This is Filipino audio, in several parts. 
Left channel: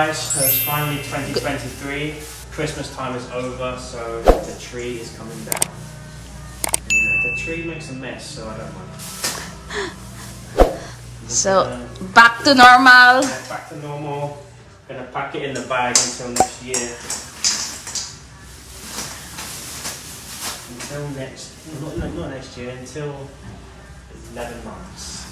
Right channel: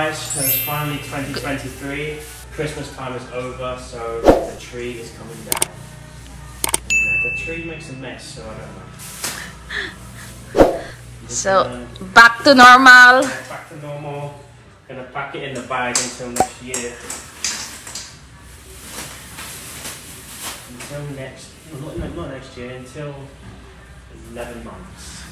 guys, it's finally 2023. Christmas time is over, so the tree is coming down. The tree makes a mess, so I don't mind. So, back to normal. Yeah, back to normal. Gonna pack it in the bag until next year. Until next, not next year, until 11 months.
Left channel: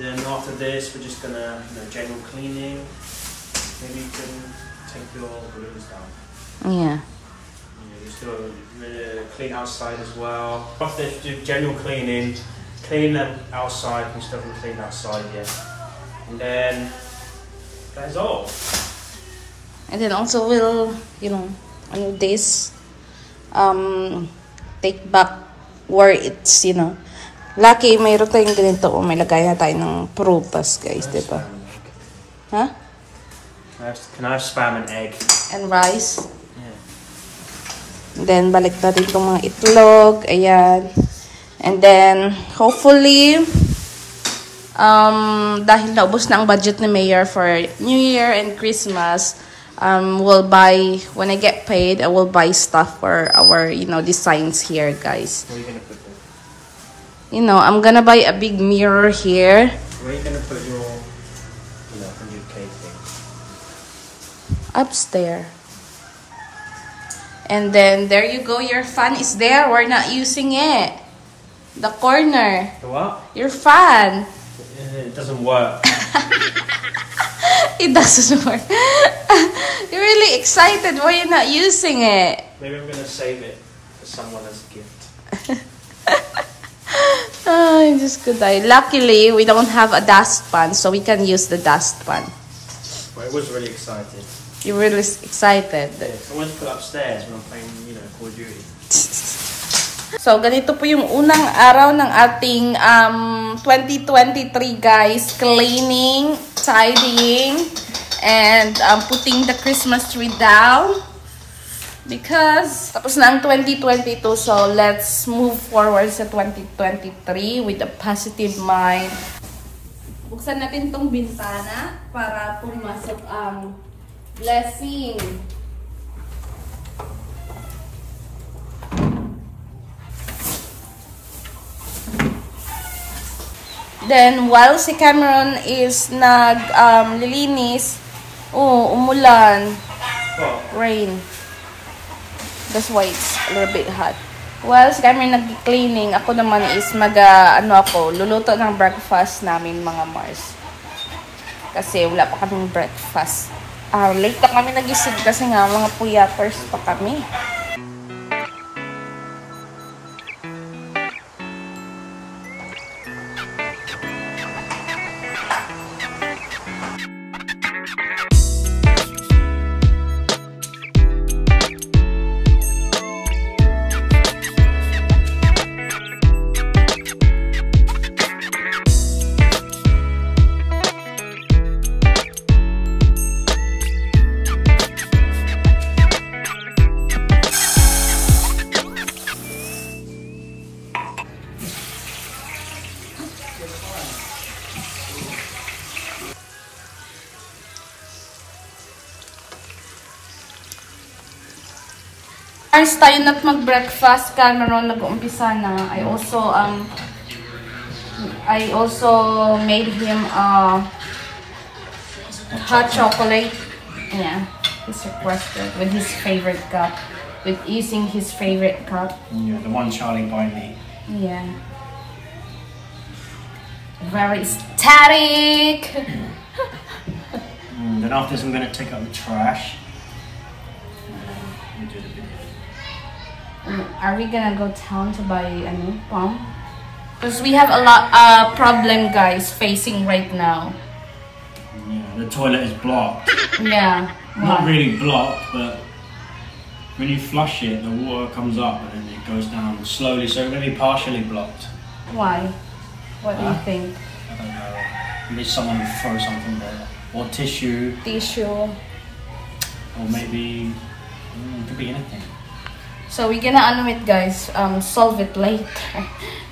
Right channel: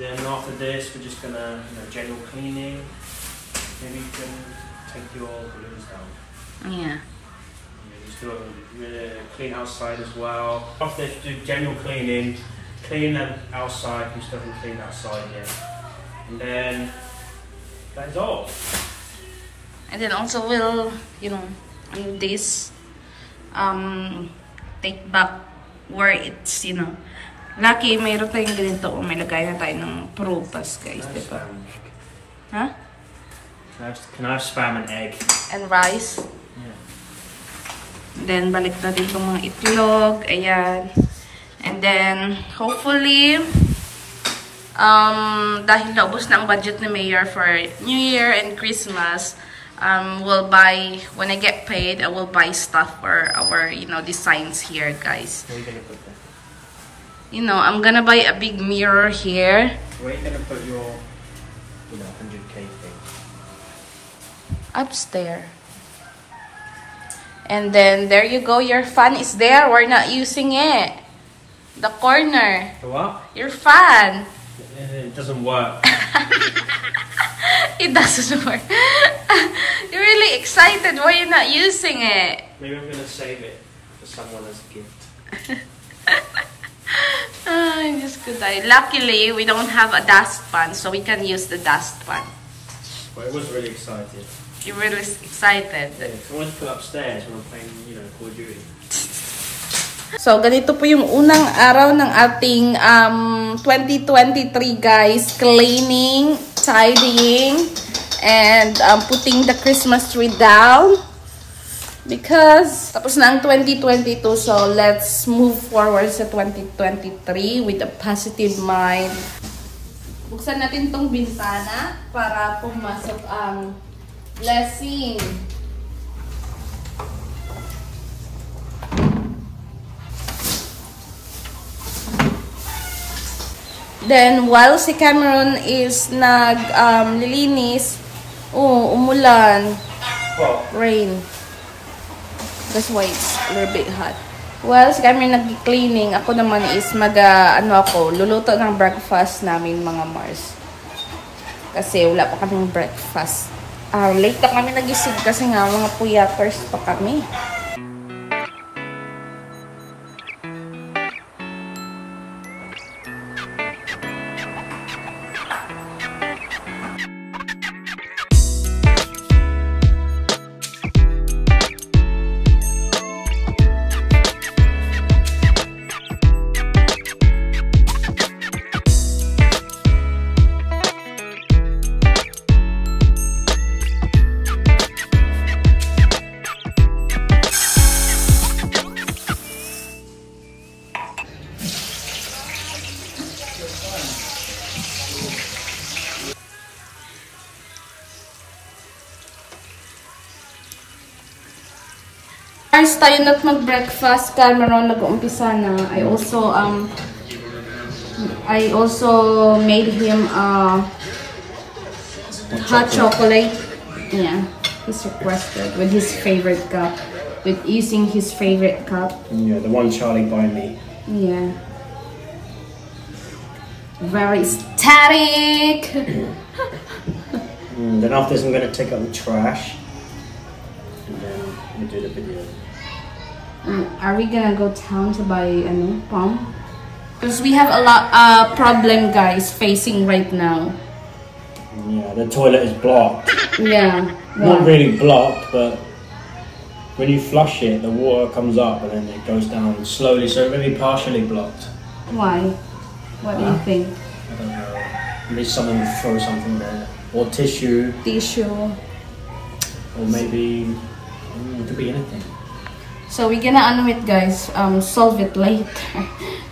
Then after this, we're just gonna, general cleaning. Maybe you can take your balloons down. Yeah. Just do a clean outside as well. After this, do general cleaning, clean them outside and stuff, and clean outside here. And then that is all. And then also we'll, on this, take back where it's, lucky mayroon tayong ganito. May lagay na tayo ng prutas, guys, dito. Huh? Can I have spam and egg? And rice. Yeah. And then, balik na dito mga itlog. Ayan. And then, hopefully, dahil naubos na ang budget ni Mayor for New Year and Christmas, we'll buy, when I get paid, I will buy stuff for our, designs here, guys. Where are you going to put them? I'm gonna buy a big mirror here. Where are you going to put your, new cake thing? Upstairs. And then, there you go. Your fan is there. We're not using it. The corner. The what? Your fan. It doesn't work. It doesn't work. You're really excited. Why are you not using it? Maybe I'm going to save it for someone as a gift. Just good. Luckily, we don't have a dustpan, so we can use the dustpan. Well, it was really excited. You're really excited. Yeah, I wanted to put upstairs when I'm playing, Call of Duty. So, ganito po yung unang araw ng ating 2023, guys. Cleaning, tidying, and putting the Christmas tree down. Because, tapos na ang 2022, so let's move forward sa 2023 with a positive mind. Buksan natin tong bintana para pumasok ang blessing. Then, while si Cameron is lilinis, umulan. Well, Rain. That's why it's a little bit hot. While si Cameron nag-cleaning, ako naman is luluto ng breakfast namin, mga Mars. Kasi wala pa kaming breakfast. Late na kami nagising kasi nga mga puyakers pa kami. First tayo na mag-breakfast, Cameron nag-uumpisa na. I also made him hot chocolate. Yeah, he's requested with his favorite cup, with using his favorite cup. Yeah, the one Charlie bought me. Yeah. Very static. Then after this, I'm going to take out the trash. And then we'll do the video. Are we gonna go town to buy a new pump? Because we have a lot problem, guys, facing right now. Yeah, the toilet is blocked. Yeah. Not really blocked, but when you flush it, the water comes up and then it goes down slowly, so maybe partially blocked. Why? What do you think? I don't know. Maybe someone throw something there. Or tissue. Tissue. Or maybe, it could be anything. So we're gonna it guys, solve it later.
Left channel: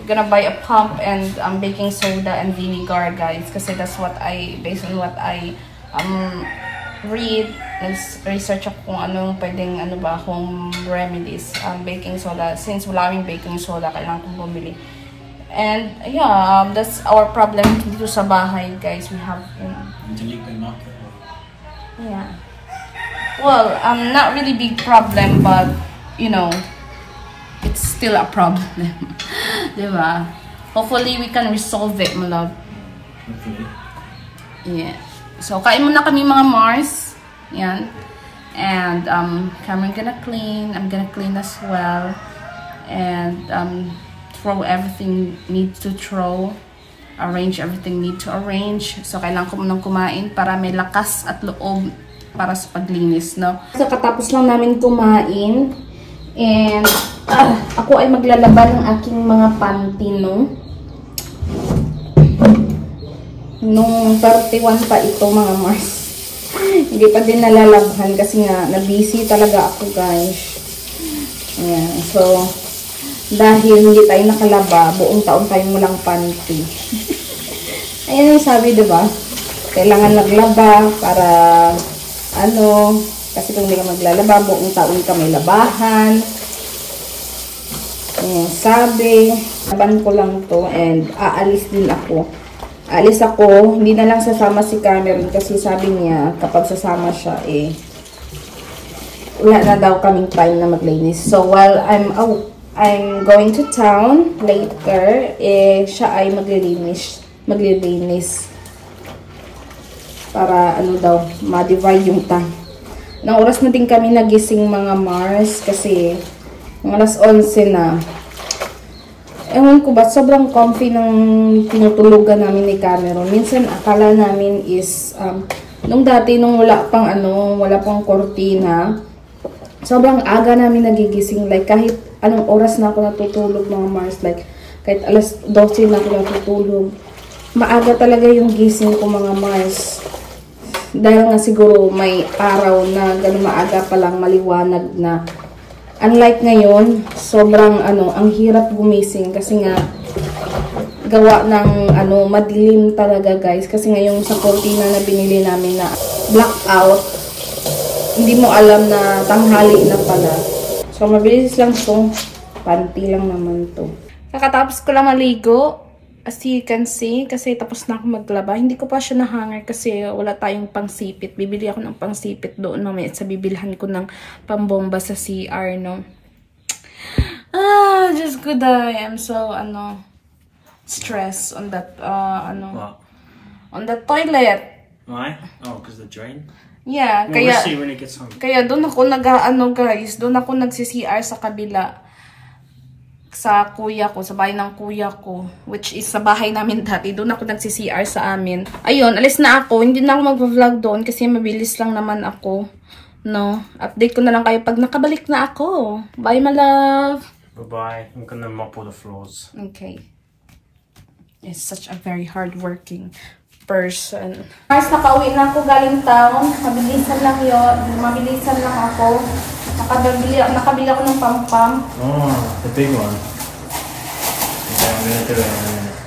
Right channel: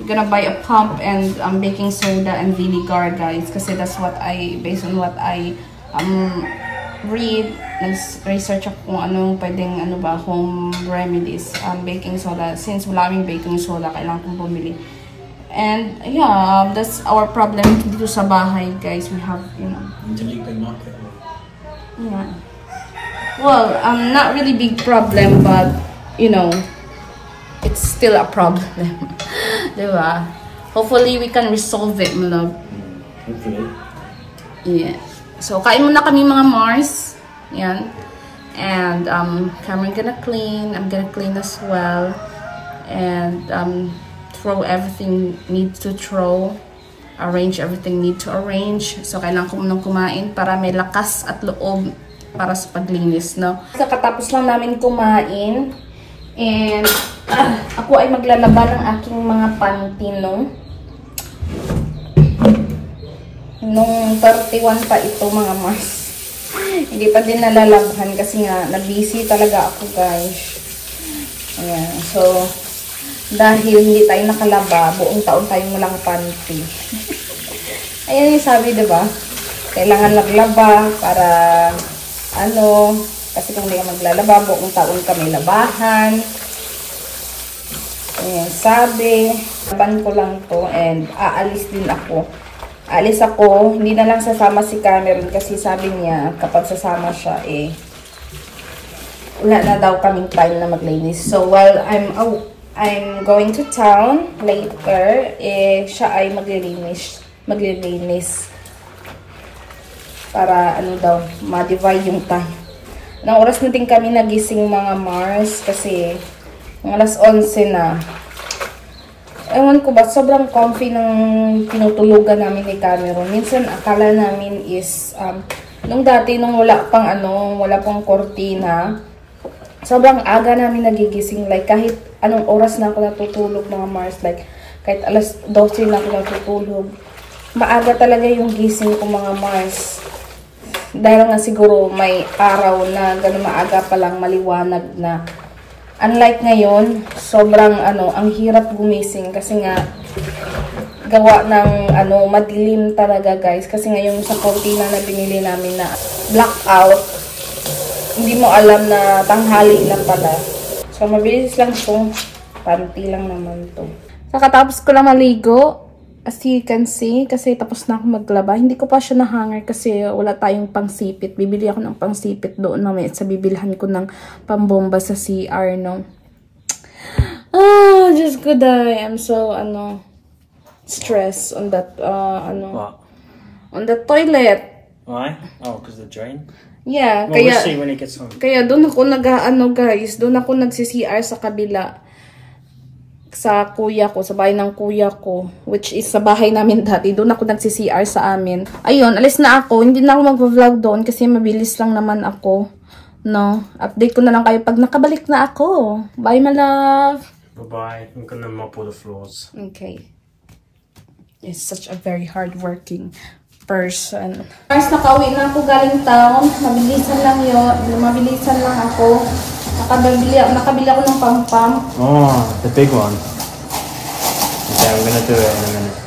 We're gonna buy a pump and baking soda and vinegar guys, kasi that's what based on what I read, nag-research ako kung anong pwedeng home remedies. Baking soda, since wala kaming baking soda, kailangan kong bumili. And yeah, that's our problem dito sa bahay guys. We have, you know, yeah, well, not really big problem, but you know, it's still a problem. Diba? Hopefully we can resolve it, my love. Hopefully. Yeah. So kain muna kami mga Mars. Yan. And Cameron gonna clean, I'm gonna clean as well. And throw everything need to throw. Arrange everything need to arrange. So kailangan ko munang kumain para may lakas at loob para sa paglinis, no? Katapos lang namin kumain. And ako ay maglalaba ng aking mga panty, no? Nung 31 pa ito mga Mars. Hindi pa din nalalabhan kasi nga na-busy talaga ako guys. Ayan. So, dahil hindi tayo nakalaba, buong taon tayong walang panty. Ayan yung sabi, diba? Kailangan naglaba para kasi kung hindi ka maglalaba, buong taon ka may labahan. Ayan, sabi. Laban ko lang to and aalis din ako. Aalis ako, hindi na lang sasama si Cameron kasi sabi niya kapag sasama siya wala na daw kaming time na maglinis. So while I'm going to town later, siya ay maglilinis para daw ma-divide yung time. Nang oras na din kami nagising mga Mars kasi alas 11 na. Ewan ko ba, sobrang comfy ng tinutulugan namin ni Cameron. Minsan akala namin is nung dati nung wala pang kortina, sobrang aga namin nagigising, like kahit anong oras na ako natutulog mga Mars, like kahit alas 12 na ako natutulog. Maaga talaga yung gising ko mga Mars. Dahil nga siguro may araw na gano'n maaga pa lang maliwanag na. Unlike ngayon, sobrang ang hirap gumising kasi nga gawa ng madilim talaga guys. Kasi ngayon sa kortina na binili namin na blackout, hindi mo alam na tanghali na pala. So mabilis lang itong panty lang naman to. Kakatapos ko lang maligo. As you can see, kasi tapos na ako maglaba. Hindi ko pa siya na-hanger kasi wala tayong pangsipit. Bibili ako ng pangsipit doon mamaya sa bibilhan ko ng pambomba sa CR, no? Just good. I am so, stressed on that, What? on the toilet. Why? Oh, because the drain? Yeah, well, we'll see when it gets home. Kaya doon ako guys, doon ako nagsi-CR sa kabila. Sa kuya ko, sa bahay ng kuya ko, which is sa bahay namin dati. Doon ako nagsi-CR sa amin. Ayun, alis na ako. Hindi na ako mag-vlog doon kasi mabilis lang naman ako. No? Update ko na lang kayo pag nakabalik na ako. Bye, my love. Bye-bye. I'm gonna mop all the floors. Okay. It's such a very hard-working person. Guys, nakauwi na ako galing town. Mabilisan lang yun. Mabilisan lang ako. Nakabili ako ng pam-pam. Oh, the big one. Okay, I'm gonna do it in a minute.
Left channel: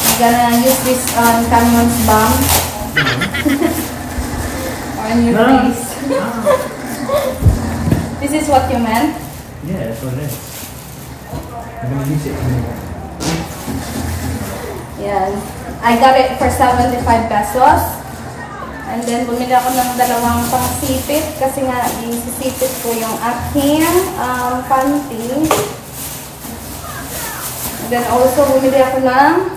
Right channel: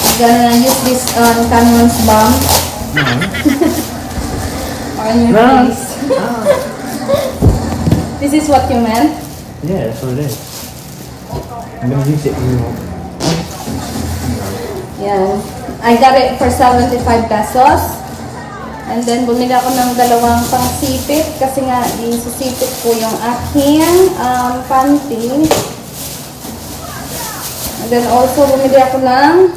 I'm gonna use this Cameron's bomb. On your face. This is what you meant? Yeah, that's what it is. I'm gonna use it in your... Yeah. I got it for 75 pesos. And then, bumili ako ng dalawang pangsipit kasi nga, isisipit ko yung aking panty. And then, also, bumili ako ng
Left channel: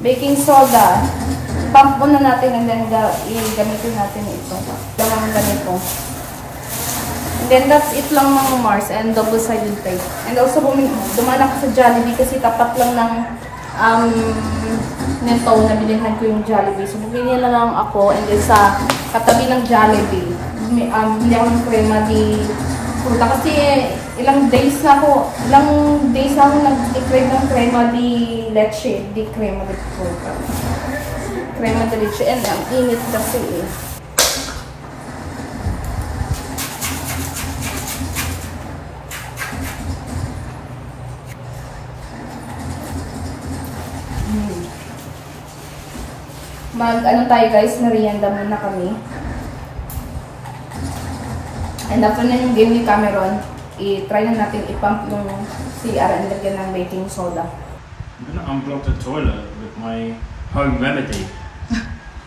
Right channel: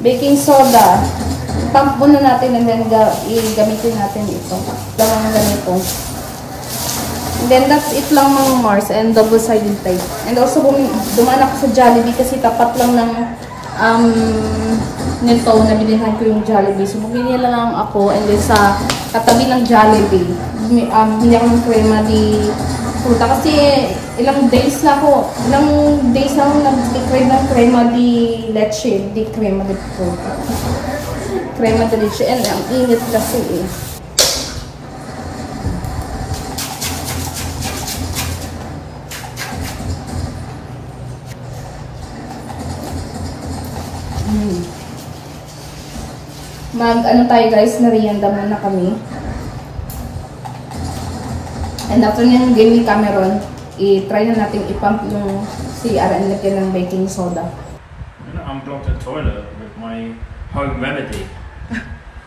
baking soda. Pump muna natin and then, gamitin natin ito. Dalawang ganito. And then, that's it lang mga Mars and double-sided tape. And also, dumaan ako sa Jollibee kasi tapat lang ng nito, nabilihan ko yung Jollibee. So, bumili na lang ako and then sa katabi ng Jollibee, hindi ako ng crema di fruta kasi ilang days na ako nag-crave ng crema di leche, di crema di fruta. Crema di leche and ang init kasi Ano tayo guys, merienda muna kami. And after ng game ni Cameron, i-try na natin i-pump yung CR and lagyan ng baking soda. I'm gonna unblock the toilet with my home remedy.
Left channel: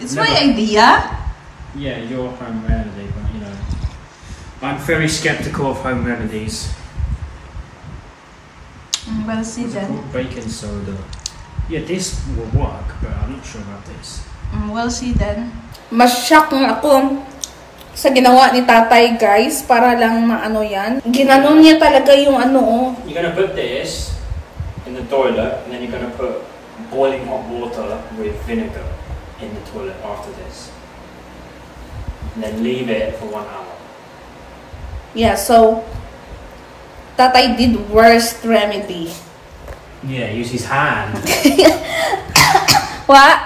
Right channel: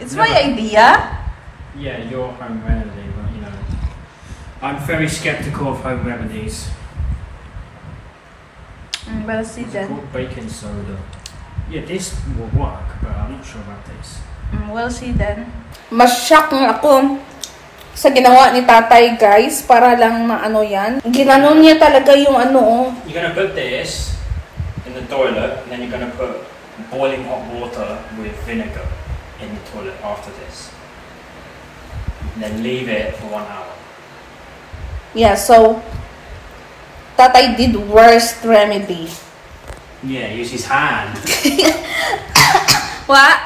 It's my idea. Yeah, your home remedy, but you know, I'm very skeptical of home remedies. We'll see then. Baking soda. Yeah, this will work, but I'm not sure about this. We'll see then. Mas shock na ako sa ginawa ni tatay guys, para lang maano yan. Ginanon niya talaga yung ano. You're gonna put this in the toilet, and then you're gonna put boiling hot water with vinegar in the toilet after this. And then leave it for 1 hour. Yeah, so tatay did worst remedy. Yeah, use his hand. What?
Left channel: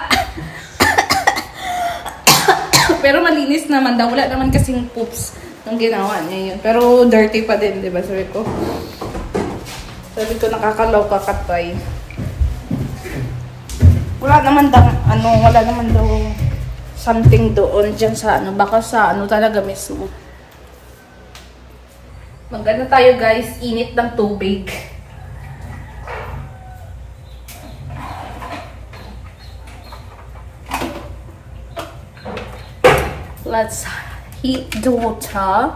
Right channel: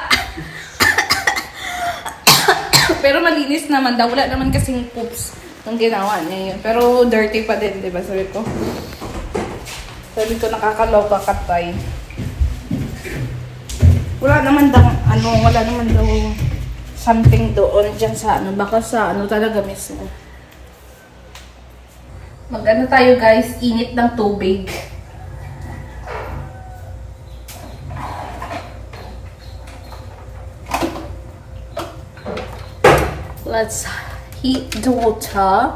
Pero malinis naman daw. Wala naman kasing poops nung ginawa niya yun. Pero dirty pa din, di ba? Sabi ko, nakakaloka katay. Wala naman daw, wala naman daw something doon dyan sa baka sa talaga mismo. Mag-ano tayo guys, init ng tubig. Let's heat the water.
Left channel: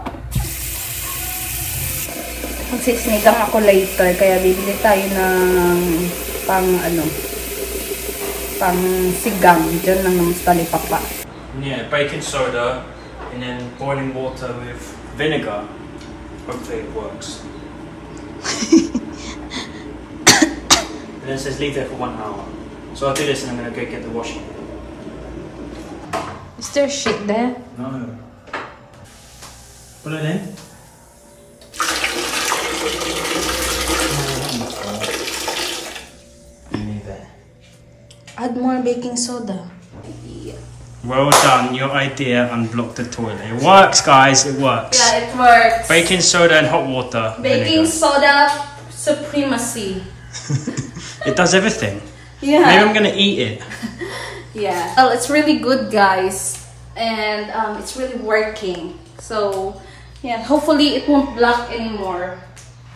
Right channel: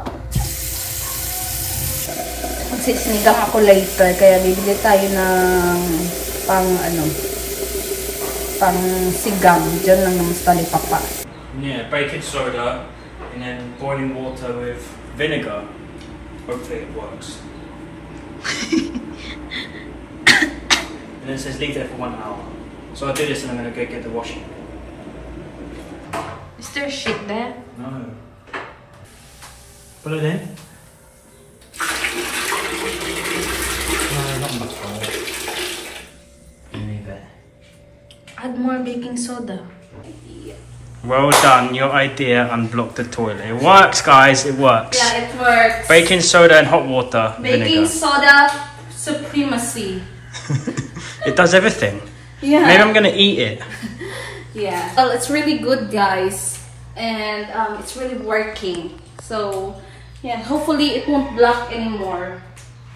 Magsisinigang ako later, kaya bibili tayo ng pang sigang. Diyan lang naman sa talipapa. Yeah, baking soda and then boiling water with vinegar. Hopefully it works. And then it says leave it for 1 hour. So I'll do this and I'm gonna go get the washing. Is there shit there? No. Put it in. No, not much more. Leave it. Add more baking soda. Yeah. Well done, your idea unblocked the toilet. It works, guys, it works. Yeah, it works. Baking soda and hot water. Baking vinegar. soda supremacy. It does everything. Yeah. Maybe I'm gonna eat it. Yeah. Well, it's really good, guys, and it's really working. So, yeah, hopefully it won't block anymore.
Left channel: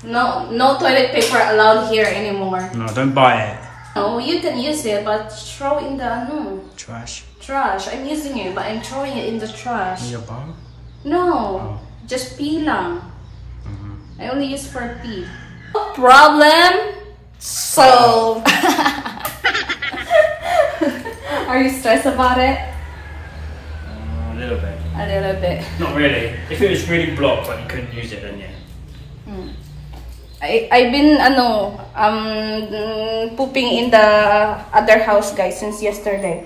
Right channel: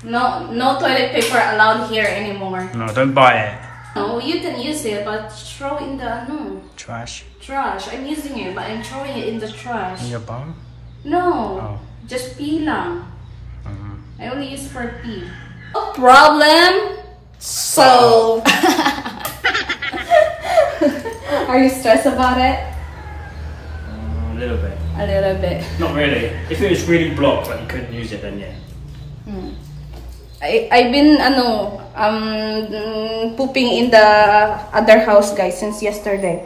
No toilet paper allowed here anymore. No, don't buy it. No, you can use it, but throw in the Trash. trash. I'm using it, but I'm throwing it in the trash. In your bum? No, just pee lang. I only use for pee. No problem. So, are you stressed about it? A little bit. A little bit. Not really. If it was really blocked, but you couldn't use it, then yeah. I've been pooping in the other house, guys, since yesterday.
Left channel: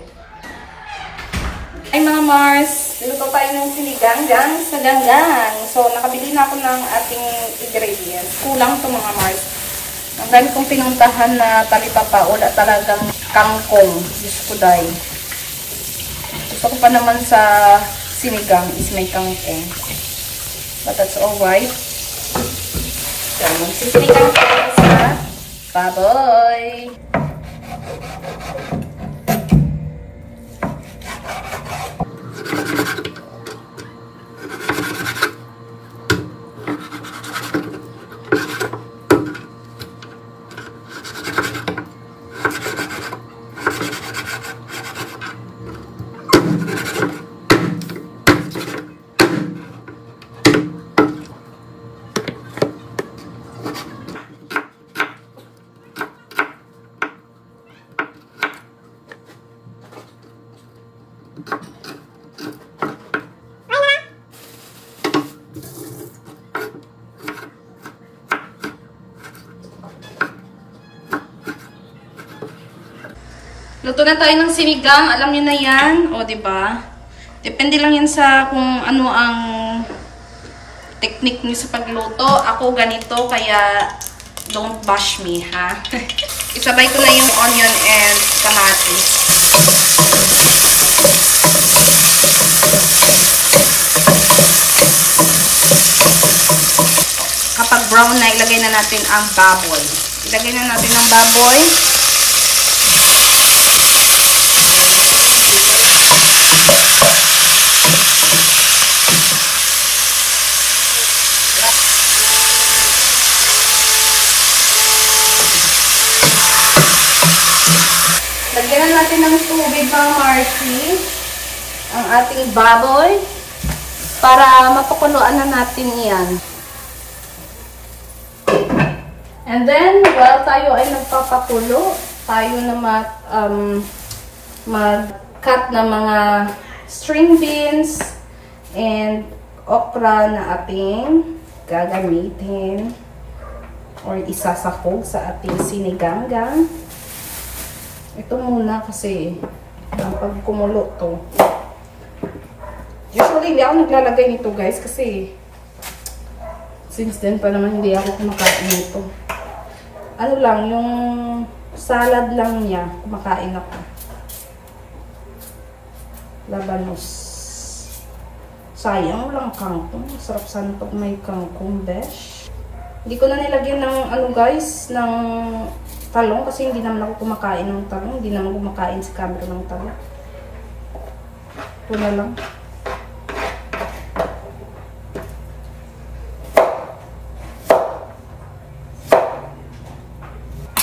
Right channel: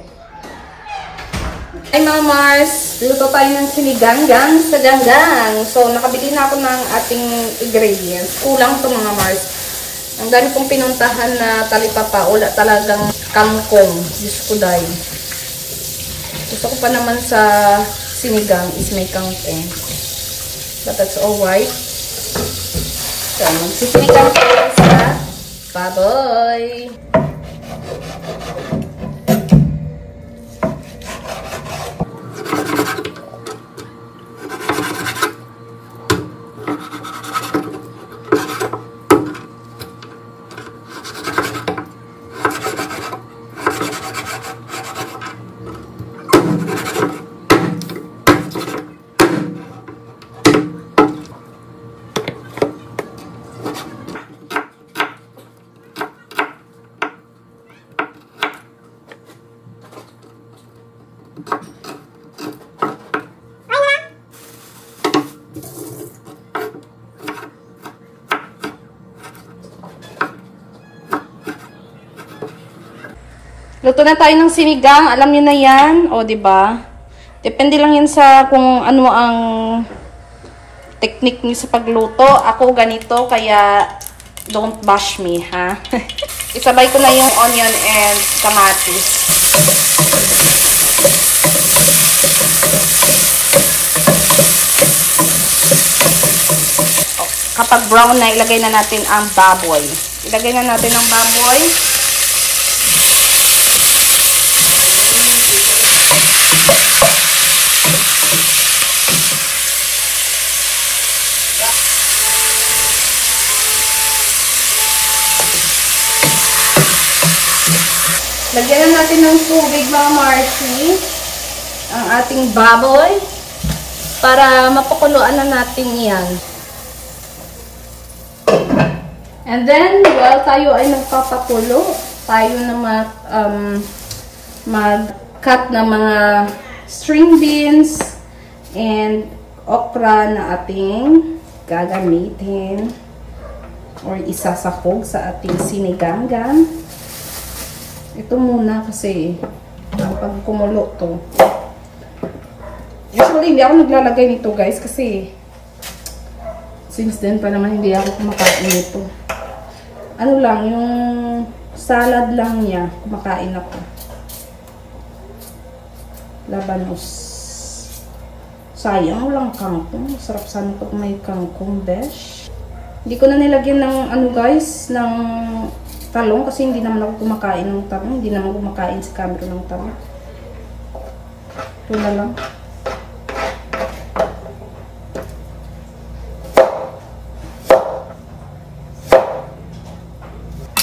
Ay mga Mars, luto tayo ng sinigang sa ganggang. So nakabili na ako ng ating ingredients. Kulang to mga Mars. Ang dami kong pinuntahan na talipapa, wala talagang kangkong. Diyos ko dahil. Gusto ko pa naman sa sinigang is may kangkong. But that's alright. So, magsisinigang ko sa baboy. Luto na tayo ng sinigang. Alam niyo na yan. O, diba? Depende lang yan sa kung ano ang technique niyo sa pagluto. Ako ganito, kaya don't bash me, ha? Isabay ko na yung onion and kamatis. Kapag brown na, ilagay na natin ang baboy. Ilagay na natin ang baboy. ng tubig, Ma'am Marcy. Ang ating baboy. Para mapakuluan na natin yan. And then, while tayo ay nagpapakulo, tayo na mag-cut ng mga string beans and okra na ating gagamitin or isasahog sa ating sinigang-gang. Ito muna kasi ang pagkumulo to. Usually, hindi ako naglalagay nito guys kasi since then pa naman hindi ako kumakain nito. Ano lang, yung salad lang niya, kumakain ako. Labanos. Sayang lang kangkong. Sarap sana pag may kangkong, besh. Hindi ko na nilagyan ng ano guys, ng talong kasi hindi naman ako kumakain ng talong. Hindi naman kumakain sa camera ng talong. Ito na lang.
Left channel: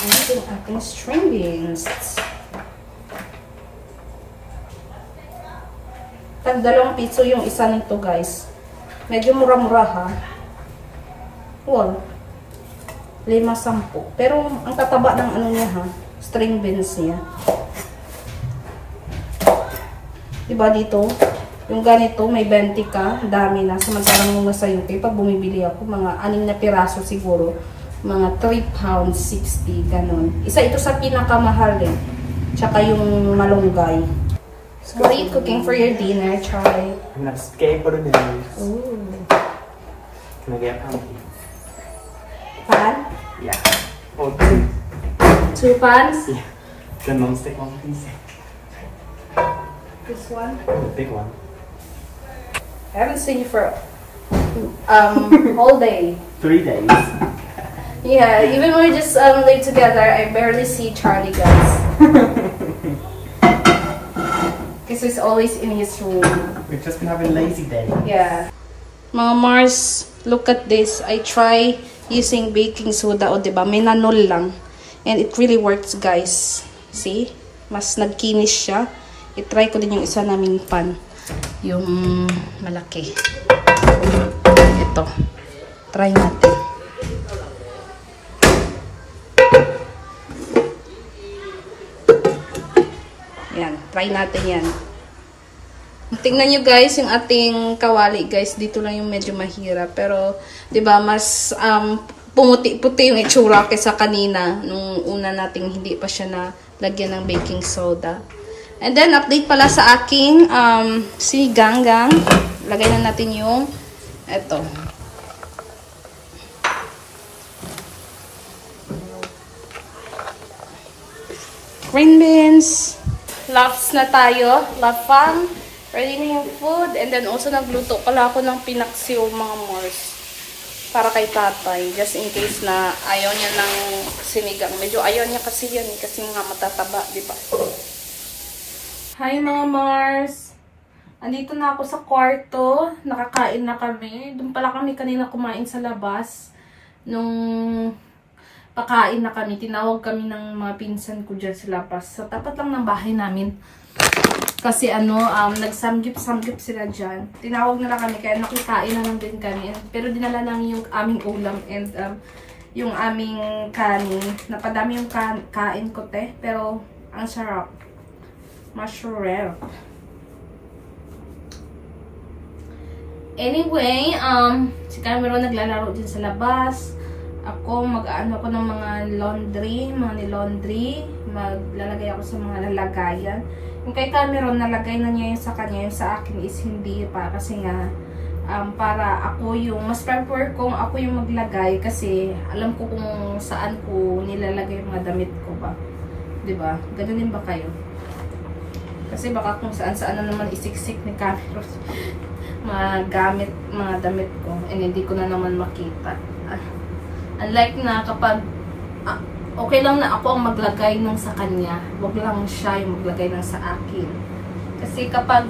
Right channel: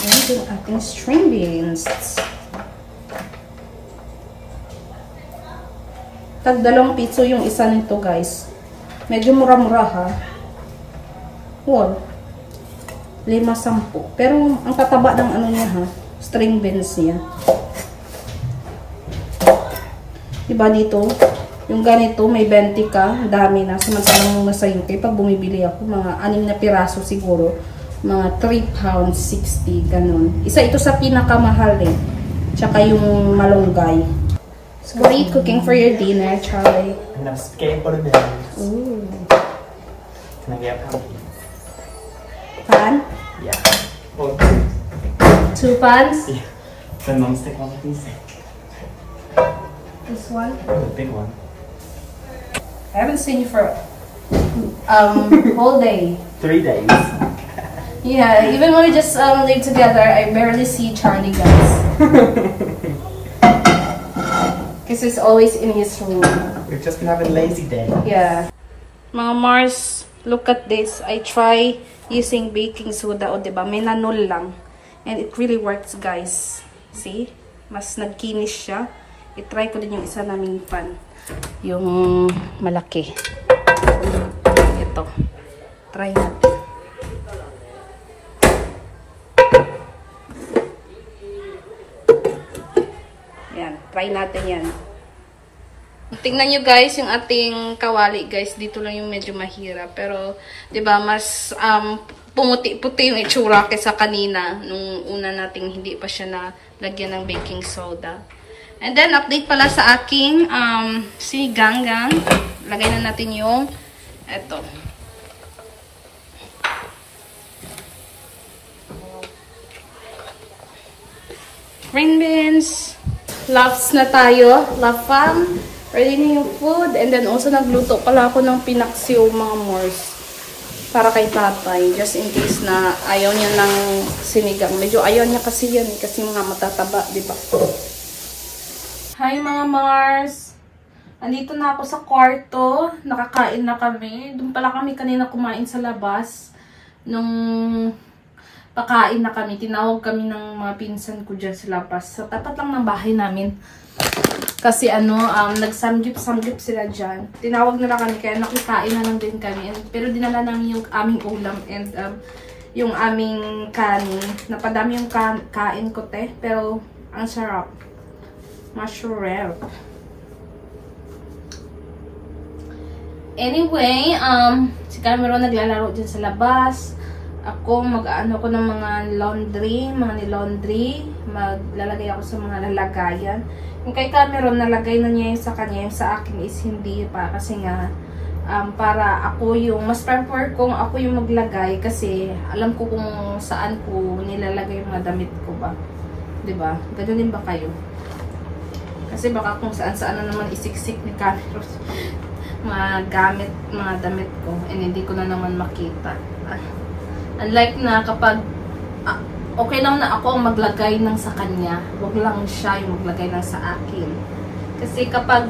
Ayan yung ating string beans. Tag 2 piso yung isa nito guys. Medyo mura-mura ha. Well, 5-10. Pero ang tataba ng ano niya ha, string beans niya. Diba dito, yung ganito may 20 ka, dami na. Samantalang sa UK, pag bumibili ako, mga 6 na piraso siguro. Mga 3 pounds 60, ganun. Isa ito sa pinakamahal din. Tsaka yung malunggay. So, what are you cooking for your dinner, Charlie? I'm not scared for the business. Ooh. Can I get a pan? Pan? Yeah. Or 2. 2 pans? Yeah. The non-stick one, please. This one? The big one. I haven't seen you for all day. 3 days. Yeah, even when we just live together, I barely see Charlie, guys. Because he's always in his room. We've just been having a lazy day. Yeah. Mga Mars, look at this. I try using baking soda, o diba? May nanol lang. And it really works, guys. See? Mas nagkinis siya. I-try ko din yung isa naming pan. Yung malaki. Ito. Try natin. Yan. Try natin yan. Tingnan nyo guys, yung ating kawali guys, dito lang yung medyo mahirap. Pero, di ba mas pumuti-puti yung itsura kaysa kanina. Nung una nating hindi pa siya nalagyan ng baking soda. And then, update pala sa aking sinigang-gang. Lagay na natin yung eto. Green beans. Loves na tayo. Love fam. Ready na yung food. And then also nagluto pala ako ng pinaksiw mga Mors. Para kay tatay. Just in case na ayaw niya ng sinigang. Medyo ayaw niya kasi yan. Kasi mga matataba. Diba? Hi mga Mars. Andito na ako sa kwarto. Nakakain na kami. Doon pala kami kanina kumain sa labas. Nung pakain na kami. Tinawag kami ng mga pinsan ko dyan sa labas. Sa tapat lang ng bahay namin. Kasi nagsamgyup-samgyup sila dyan. Tinawag nila kami. Kaya nakikain na lang din kami. Pero dinala namin yung aming ulam. And yung aming kanin. Napadami yung kain ko te. Pero ang sarap. Mushroom. Anyway, si Cameron naglalaro dyan sa labas. Ako, mag-ano ko ng mga laundry, mga ni-laundry. Maglalagay ako sa mga lalagayan. Yung kay Cameron, nalagay na niya yung sa kanya. Yung sa akin is hindi pa. Kasi nga, para ako yung, mas prefer kong ako yung maglagay. Kasi alam ko kung saan ko nilalagay yung mga damit ko ba. Diba? Ganun din ba kayo? Kasi baka kung saan-saan na naman isiksik ni Cameron magamit mga damit ko. And hindi ko na naman makita. Unlike na kapag okay lang na ako ang maglagay ng sa kanya, wag lang siya yung maglagay ng sa akin. Kasi kapag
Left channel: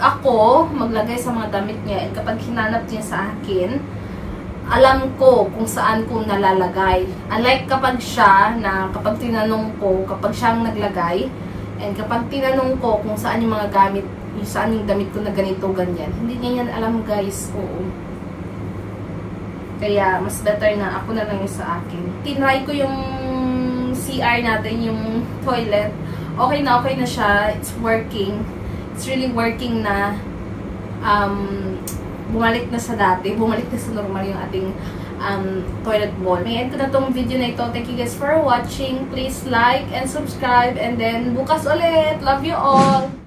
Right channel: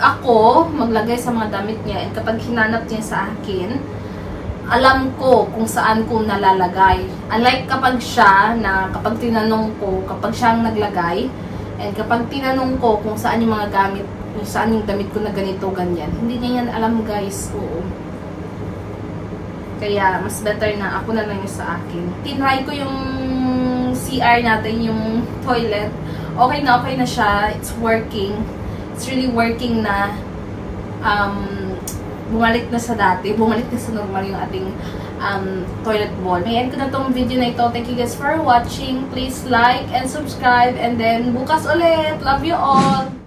ako maglagay sa mga damit niya and kapag hinanap niya sa akin, alam ko kung saan ko nalalagay. Unlike kapag siya, na kapag tinanong ko, kapag siya ang naglagay, And kapag tinanong ko kung saan yung mga gamit, saan yung damit ko na ganito, ganyan, hindi niya yan alam guys. Oo. Kaya mas better na ako na lang yung sa akin. Tinry ko yung CR natin, yung toilet. Okay na siya. It's working. It's really working na. Bumalik na sa dati. Bumalik na sa normal yung ating toilet bowl. May end ko na tong video na ito. Thank you guys for watching. Please like and subscribe. And then bukas ulit. Love you all.